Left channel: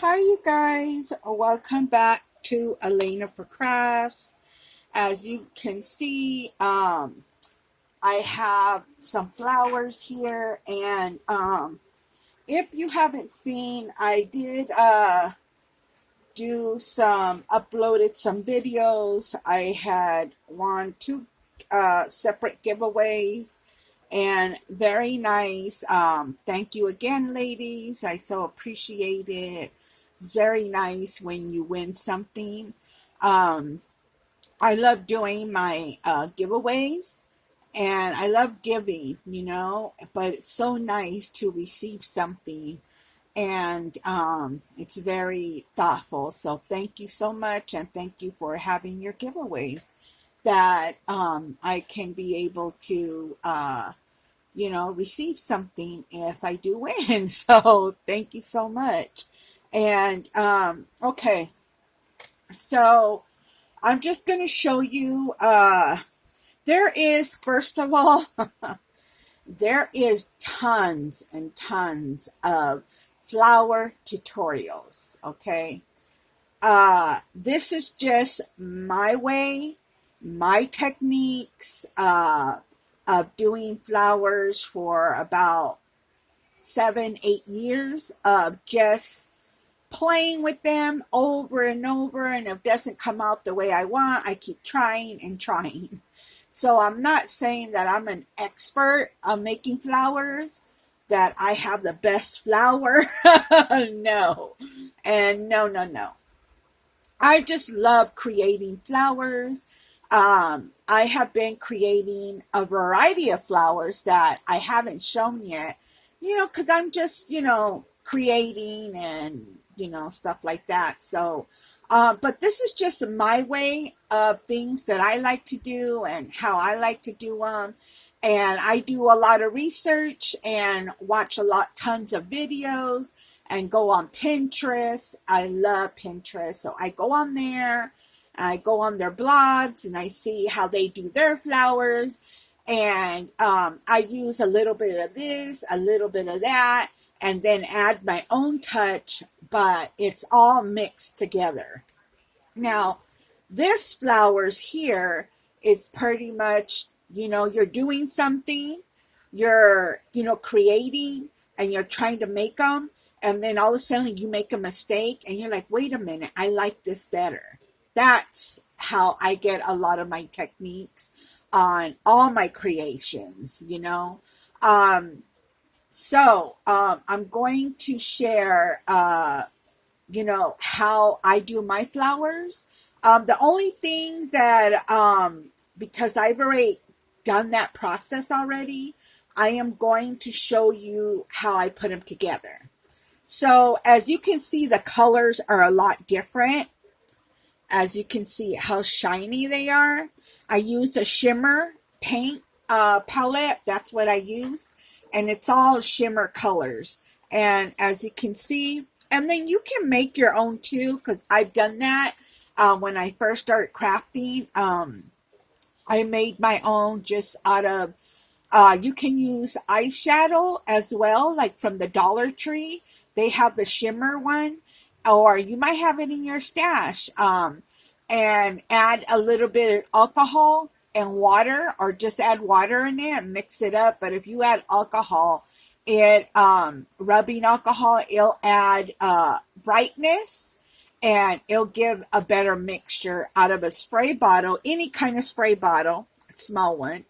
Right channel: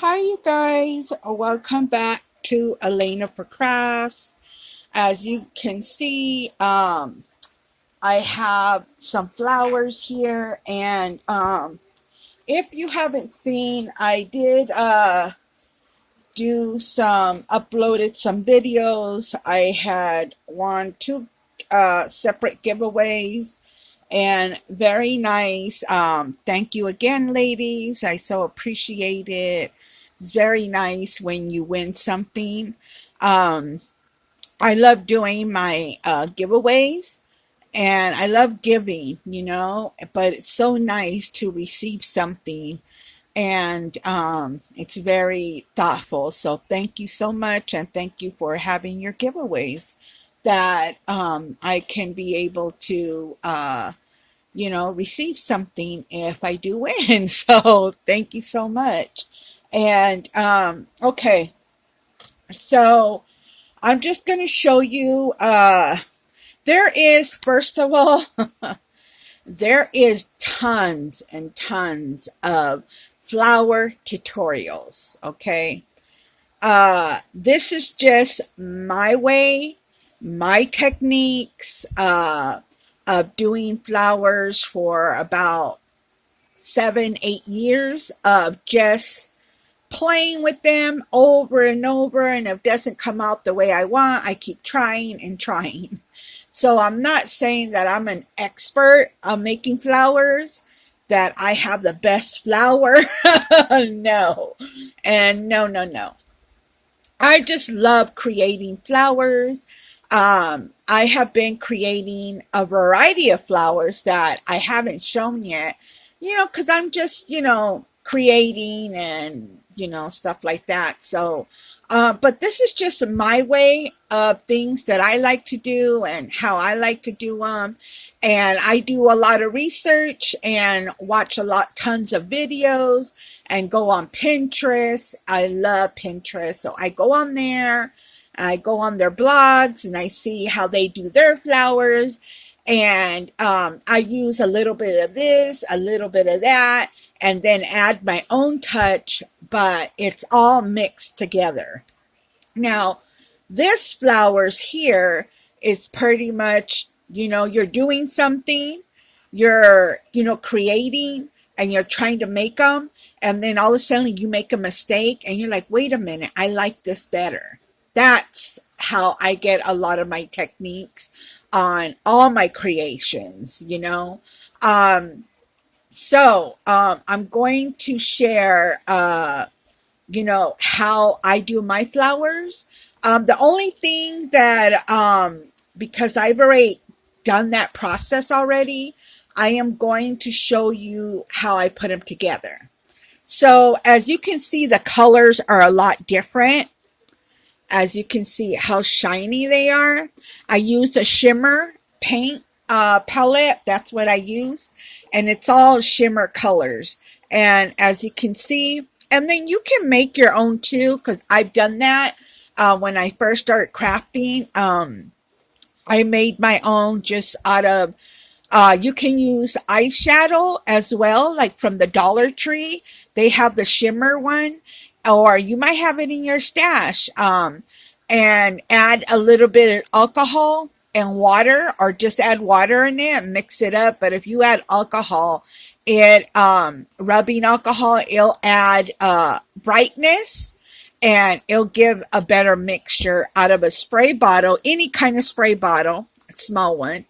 Hi, you guys. Welcome back to Elena for Crafts. As you can see, I have some flowers here, and if you haven't seen, I did uploaded some videos. I had two separate giveaways, and very nice. Thank you again, ladies. I so appreciate it. It's very nice when you win something. Um, I love doing my giveaways, and I love giving, but it's so nice to receive something, and it's very thoughtful. So thank you so much, and thank you for having your giveaways that I can be able to receive something if I do win. So thank you so much. And okay, so I'm just going to show you. There is, first of all, there is tons and tons of flower tutorials. Okay, this is just my way, my techniques of doing flowers for about 7, 8 years of just playing with them over and over. And if it doesn't come out the way I want, I keep trying and trying. So I'm not saying that I'm an expert on making flowers, that I have the best flower. No. And no, no, no. I just love creating flowers. I have been creating a variety of flowers that I haven't shown yet, because I'm just, creating and, stuff like that. So, but this is just my way of things that I like to do and how I like to do them. And I do a lot of research and watch tons of videos and go on Pinterest. I love Pinterest. So I go on there, I go on their blogs, and I see how they do their flowers. And I use a little bit of this, a little bit of that, and then add my own touch, but it's all mixed together. Now, this flowers here is pretty much, you're doing something, you're, creating, and you're trying to make them. And then all of a sudden you make a mistake and you're like, wait a minute, I like this better. That's how I get a lot of my techniques on all my creations, I'm going to share, how I do my flowers. The only thing that, because I've already done that process already, I am going to show you how I put them together. So as you can see, the colors are a lot different. As you can see how shiny they are. I used a shimmer paint palette. That's what I used. And it's all shimmer colors. And as you can see, and then you can make your own too, because I've done that when I first started crafting. I made my own just out of, you can use eyeshadow as well, like from the Dollar Tree. They have the shimmer one, or you might have it in your stash. And add a little bit of alcohol and water, or just add water in it and mix it up. But if you add alcohol, rubbing alcohol, it'll add brightness, and it'll give a better mixture out of a spray bottle, any kind of spray bottle, a small one.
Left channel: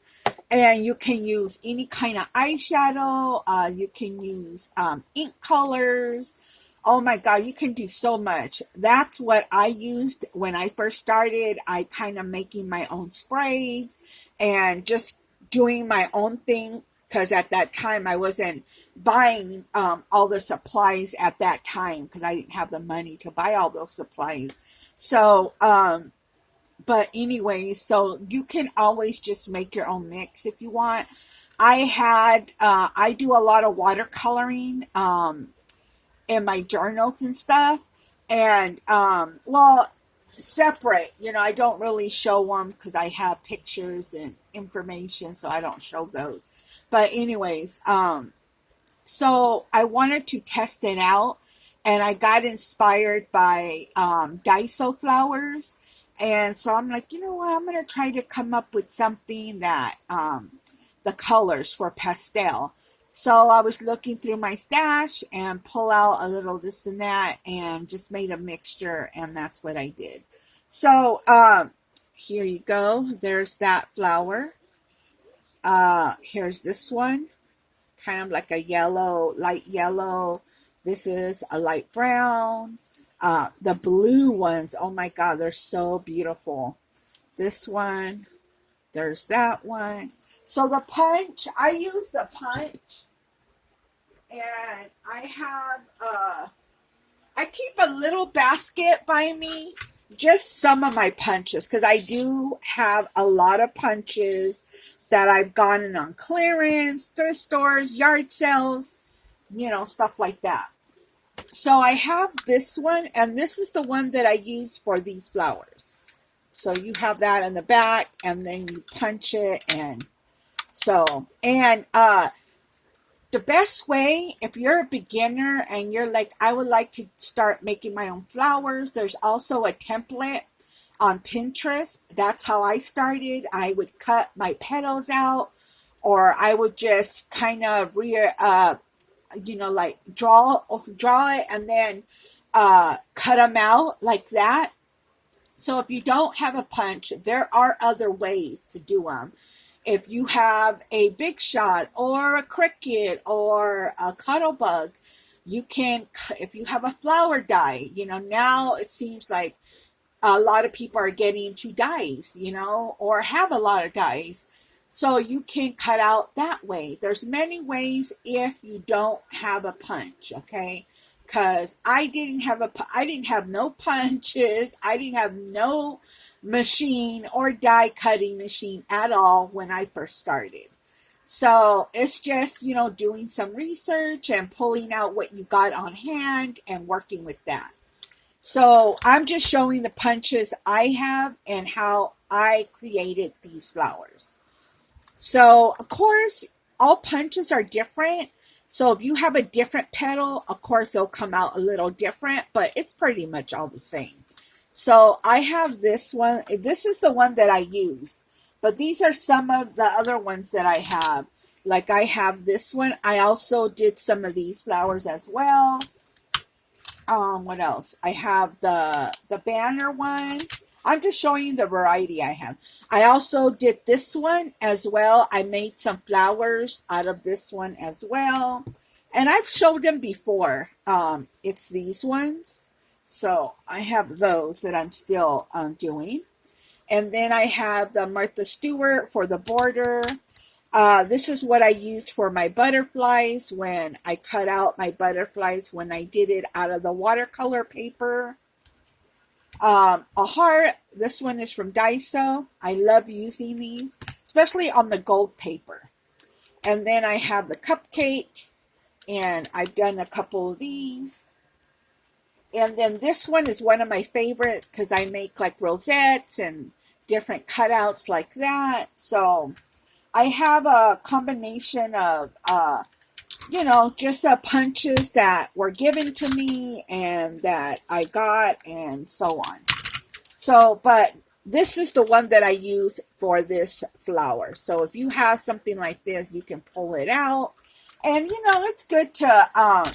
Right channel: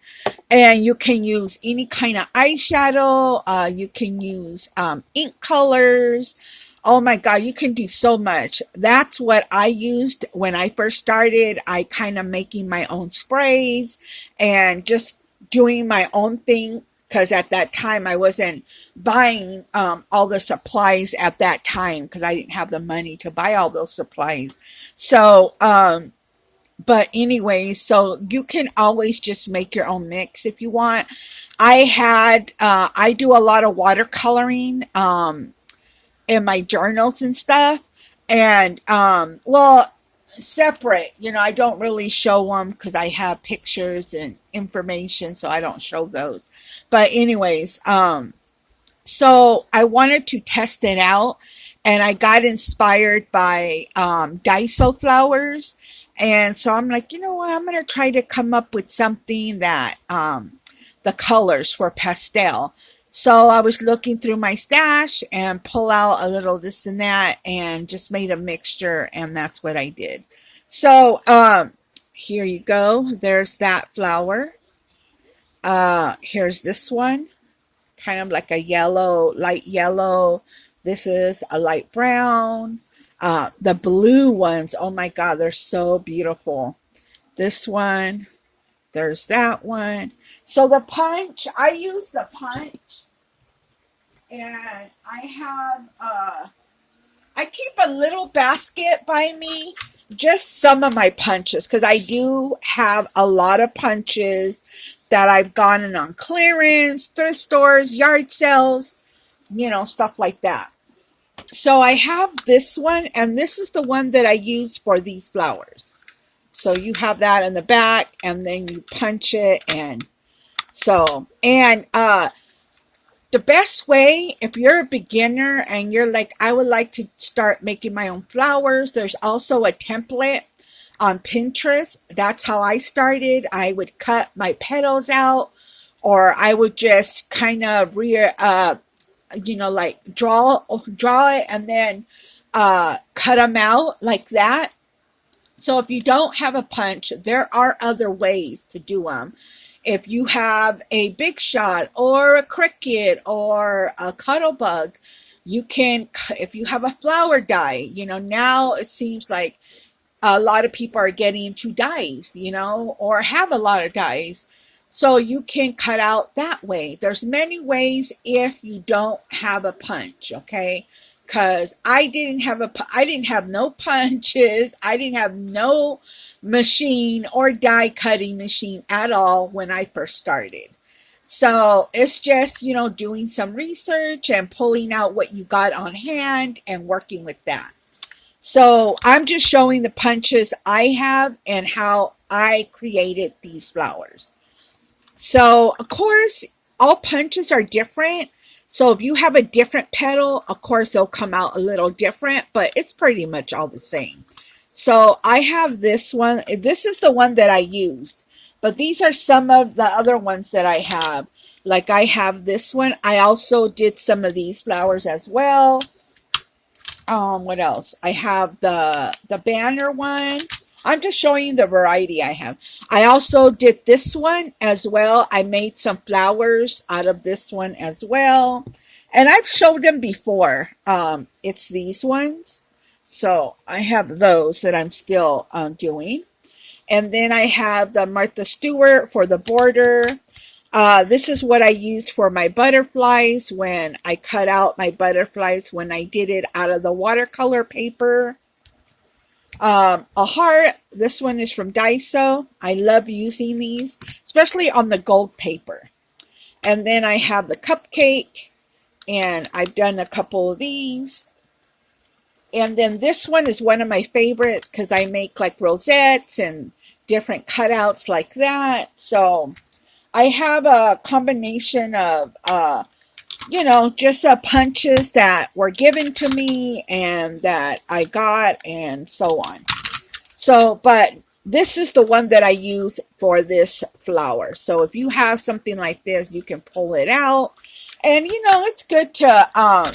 And you can use any kind of eyeshadow. You can use ink colors. Oh my God, you can do so much. That's what I used when I first started. I kind of making my own sprays and just doing my own thing, because at that time I wasn't buying all the supplies at that time, because I didn't have the money to buy all those supplies. So, but anyway, so you can always just make your own mix if you want. I do a lot of watercoloring in my journals and stuff. And, separate, I don't really show them because I have pictures and information, so I don't show those. But anyways, so I wanted to test it out, and I got inspired by Daiso flowers. And so I'm like, you know what? I'm going to try to come up with something that the colors for pastel. So I was looking through my stash and pull out a little this and that and just made a mixture, and that's what I did. So here you go. There's that flower. Here's this one, kind of like a yellow, light yellow. This is a light brown. The blue ones, oh my God, they're so beautiful. This one, there's that one. So the punch, I use the punch, and I keep a little basket by me, just some of my punches, because I do have a lot of punches that I've gotten on clearance, thrift stores, yard sales, stuff like that. So I have this one, and this is the one that I use for these flowers. So you have that in the back, and then you punch it, and the best way, if you're a beginner and you're like, I would like to start making my own flowers, there's also a template on Pinterest. That's how I started. I would cut my petals out, or I would just kind of like draw it, and then cut them out like that. So if you don't have a punch, there are other ways to do them. If you have a big shot or a cricket or a cuttlebug, you can, if you have a flower die, now it seems like a lot of people are getting into dies, or have a lot of dies. So you can cut out that way. There's many ways if you don't have a punch, okay? Because I didn't have no punches. I didn't have no machine or die cutting machine at all when I first started. So it's just, doing some research and pulling out what you got on hand and working with that. So I'm just showing the punches I have and how I created these flowers. So of course, all punches are different. So if you have a different petal, of course they'll come out a little different, but it's pretty much all the same. So I have this one. This is the one that I used, but these are some of the other ones that I have. Like I have this one. I also did some of these flowers as well. What else? I have the banner one. I'm just showing you the variety I have. I also did this one as well. I made some flowers out of this one as well. And I've showed them before. It's these ones. So I have those that I'm still doing. And then I have the Martha Stewart for the border. This is what I used for my butterflies when I cut out my butterflies when I did it out of the watercolor paper. A heart. This one is from Daiso. I love using these, especially on the gold paper. And then I have the cupcake, and I've done a couple of these. And then this one is one of my favorites because I make like rosettes and different cutouts like that. So I have a combination of, just punches that were given to me and that I got and so on. So, but this is the one that I use for this flower. So if you have something like this, you can pull it out. And, it's good to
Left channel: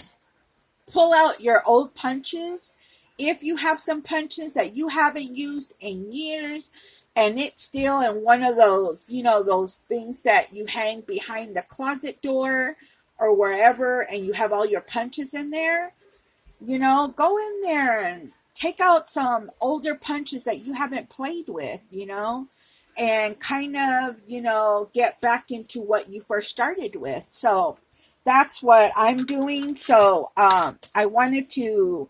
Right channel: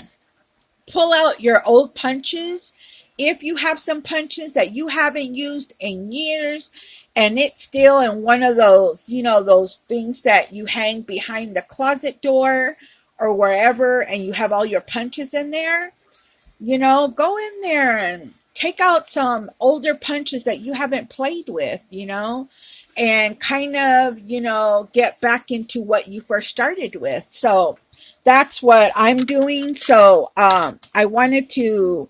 pull out your old punches. If you have some punches that you haven't used in years, and it's still in one of those, those things that you hang behind the closet door or wherever, and you have all your punches in there, go in there and take out some older punches that you haven't played with, and kind of, get back into what you first started with. So that's what I'm doing. So I wanted to,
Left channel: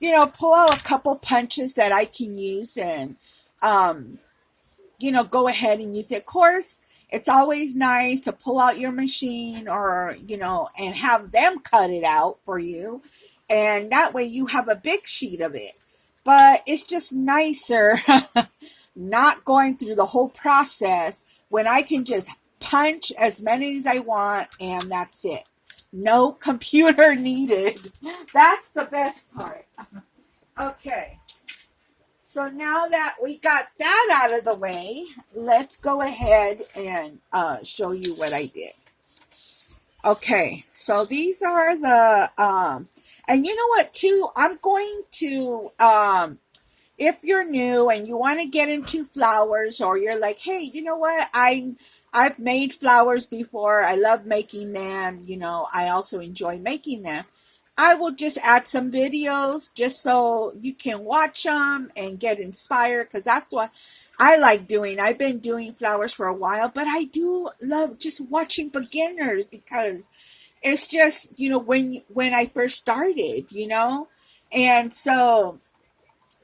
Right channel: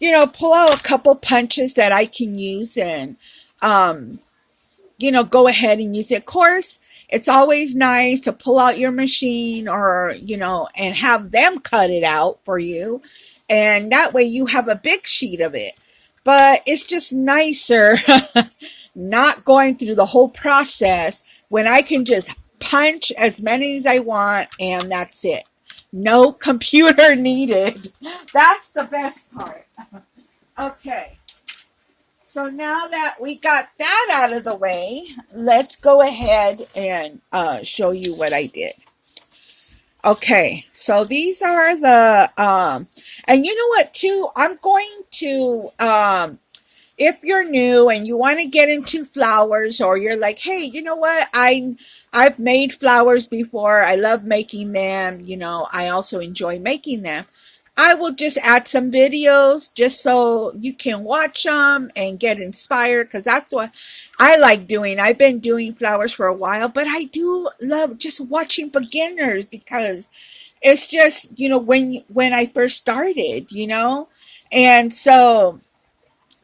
pull out a couple punches that I can use and, go ahead and use it. Of course, it's always nice to pull out your machine or, and have them cut it out for you. And that way you have a big sheet of it. But it's just nicer not going through the whole process when I can just punch as many as I want and that's it. No computer needed. That's the best part. Okay. So now that we got that out of the way, let's go ahead and show you what I did. Okay, so these are the, and you know what too, I'm going to, if you're new and you want to get into flowers, or you're like, hey, you know what, I've made flowers before, I love making them, you know, I also enjoy making them. I will just add some videos just so you can watch them and get inspired, because that's what I like doing. I've been doing flowers for a while, but I do love just watching beginners, because it's just, you know, when I first started, you know, and so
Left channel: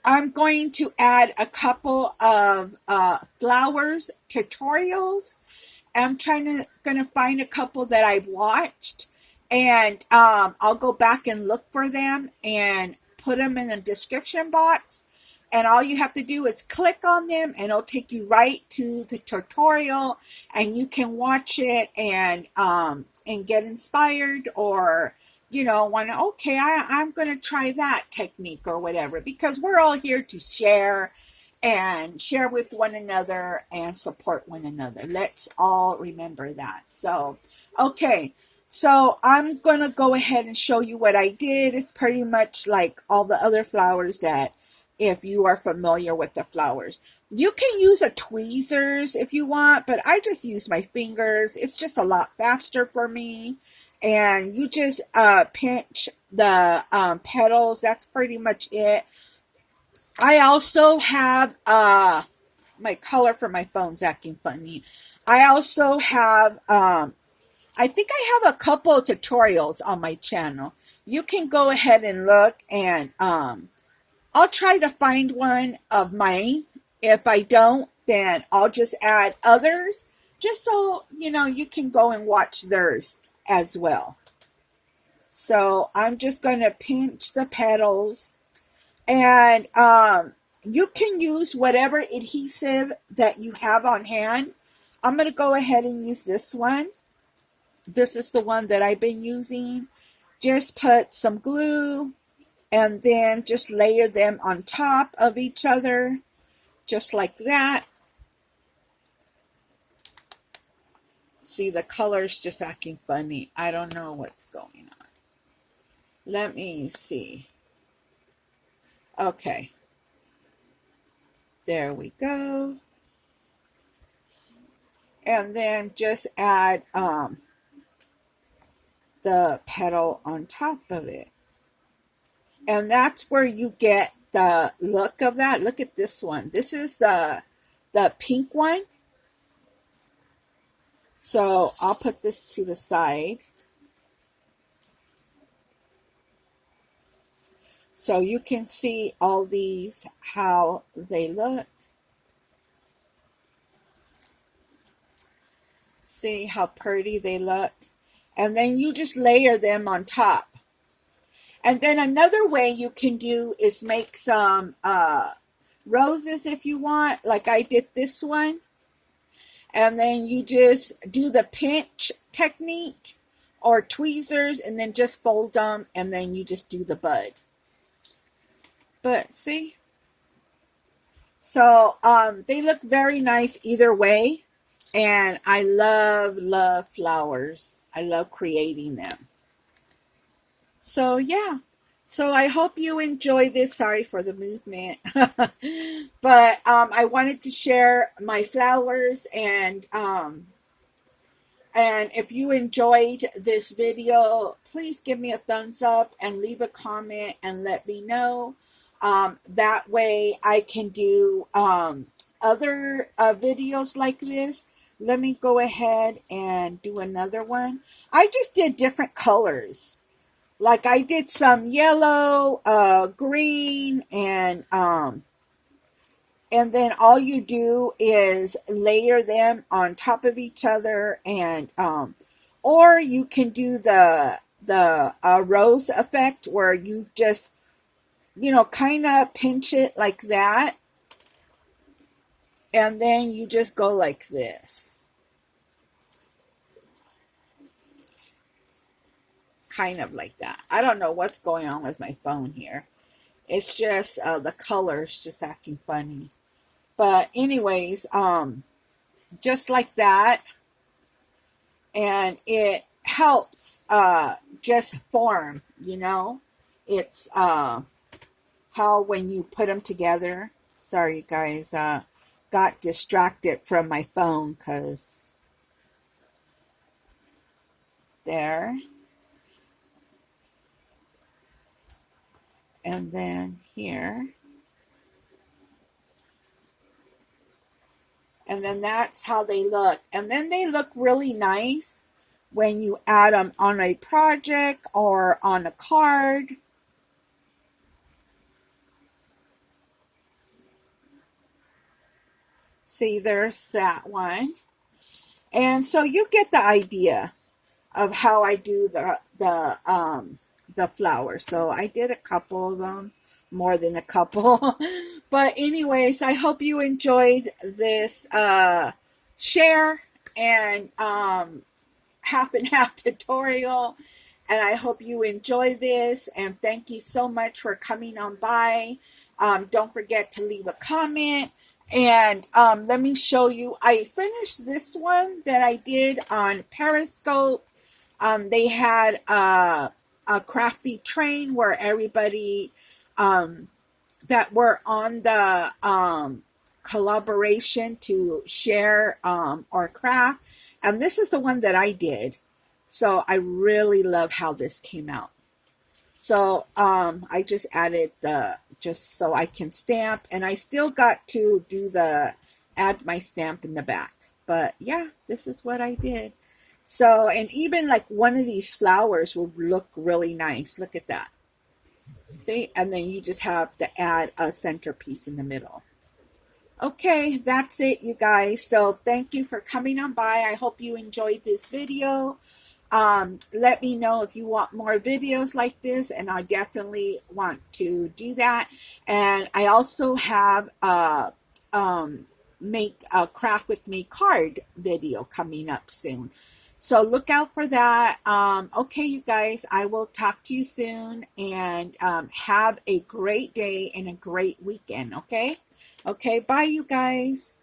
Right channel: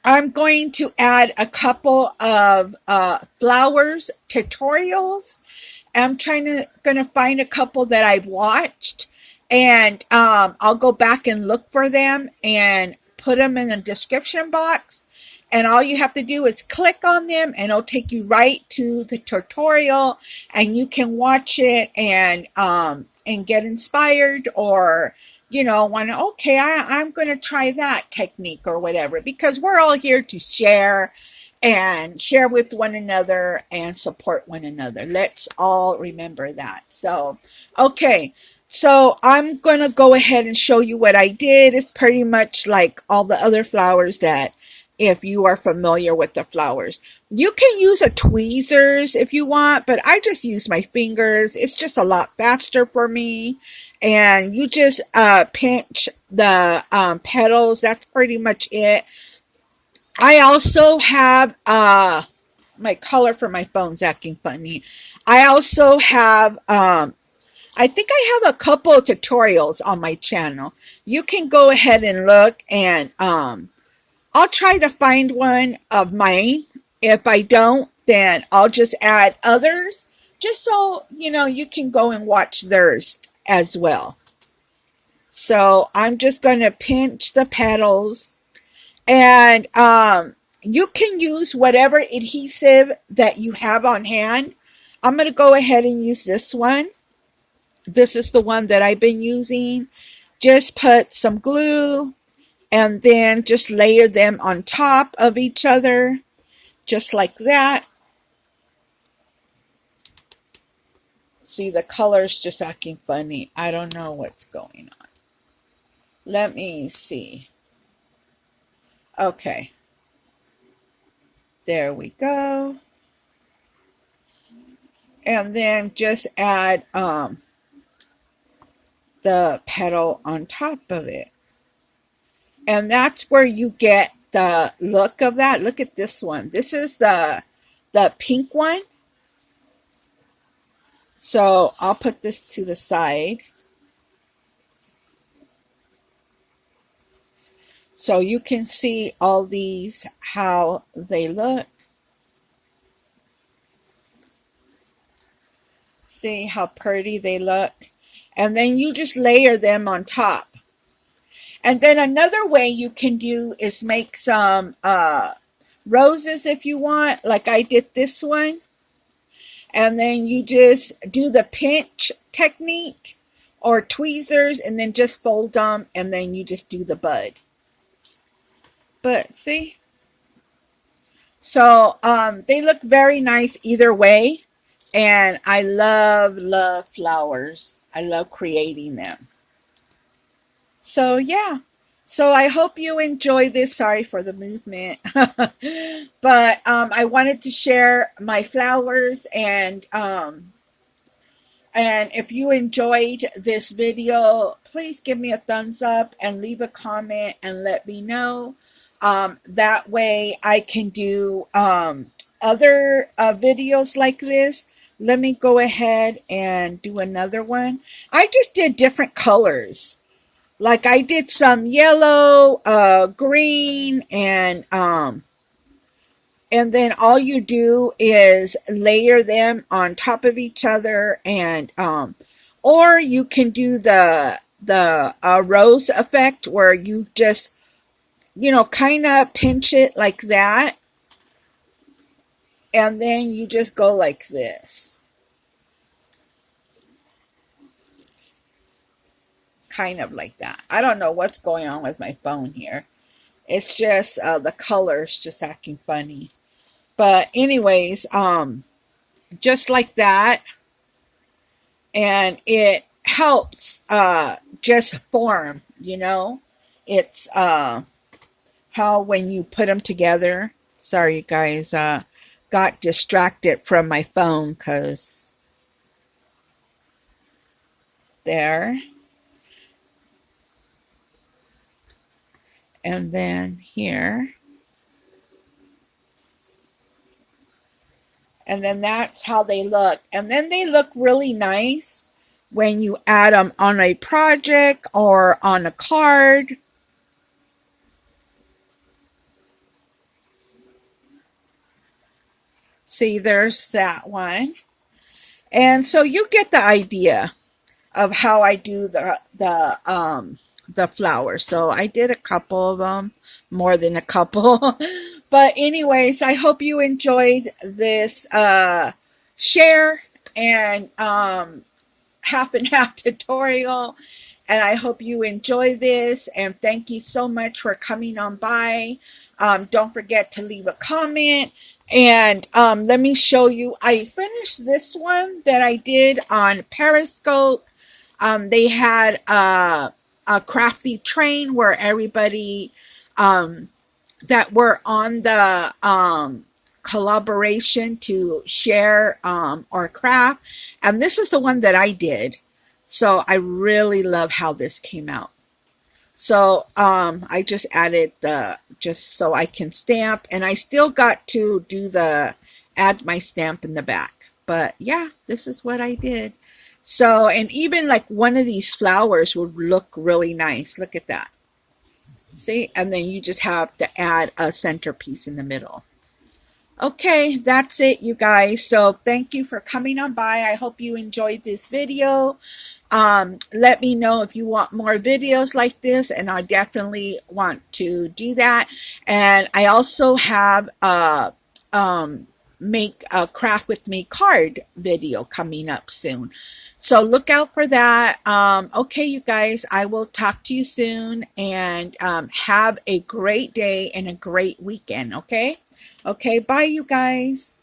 I'm going to add a couple of flowers tutorials. I'm gonna find a couple that I've watched, and I'll go back and look for them and put them in the description box. And all you have to do is click on them, and it'll take you right to the tutorial, and you can watch it and get inspired, or you know, want to, okay, I'm going to try that technique or whatever, because we're all here to share and share with one another and support one another. Let's all remember that. So, okay. So I'm going to go ahead and show you what I did. It's pretty much like all the other flowers that, if you are familiar with the flowers, you can use a tweezers if you want, but I just use my fingers. It's just a lot faster for me. And you just pinch the petals. That's pretty much it. I also have my color for my phone's acting funny. I also have I think I have a couple of tutorials on my channel. You can go ahead and look, and I'll try to find one of mine. If I don't, then I'll just add others, just so you know you can go and watch theirs as well. So I'm just going to pinch the petals, and you can use whatever adhesive that you have on hand. I'm going to go ahead and use this one. This is the one that I've been using. Just put some glue and then just layer them on top of each other, just like that. See, the color's just acting funny. I don't know what's going on. Let me see. Okay. There we go. And then just add the petal on top of it. And that's where you get the look of that. Look at this one. This is the pink one. So I'll put this to the side. So you can see all these, how they look. See how pretty they look. And then you just layer them on top. And then another way you can do is make some roses if you want, like I did this one. And then you just do the pinch technique or tweezers, and then just fold them, and then you just do the bud. But see? So they look very nice either way. And I love flowers. I love creating them. So yeah. So I hope you enjoy this. Sorry for the movement. But I wanted to share my flowers, and if you enjoyed this video, please give me a thumbs up and leave a comment and let me know. That way I can do other videos like this. Let me go ahead and do another one. I just did different colors. Like I did some yellow, green, and then all you do is layer them on top of each other, and or you can do the rose effect, where you just, you know, kind of pinch it like that, and then you just go like this. kind of like that. I don't know what's going on with my phone here. It's just the colors just acting funny. But anyways, just like that. And it helps just form, you know. It's how when you put them together. Sorry, you guys, got distracted from my phone because there. And then here. And then that's how they look. And then they look really nice when you add them on a project or on a card. See, there's that one. And so you get the idea of how I do the flowers. So I did a couple of them, more than a couple. But anyways, I hope you enjoyed this share and half and half tutorial. And I hope you enjoy this. And thank you so much for coming on by. Don't forget to leave a comment. And let me show you. I finished this one that I did on Periscope. They had a crafty train where everybody that were on the collaboration to share or craft. And this is the one that I did. So I really love how this came out. So I just added just so I can stamp, and I still got to do add my stamp in the back. But yeah, this is what I did. So, and even like one of these flowers would look really nice. Look at that. See? And then you just have to add a centerpiece in the middle. Okay, that's it, you guys. So thank you for coming on by. I hope you enjoyed this video. Let me know if you want more videos like this, and I definitely want to do that. And I also have make a craft with me card video coming up soon. So look out for that. Okay, you guys, I will talk to you soon, and have a great day and a great weekend. Okay? Okay, bye, you guys.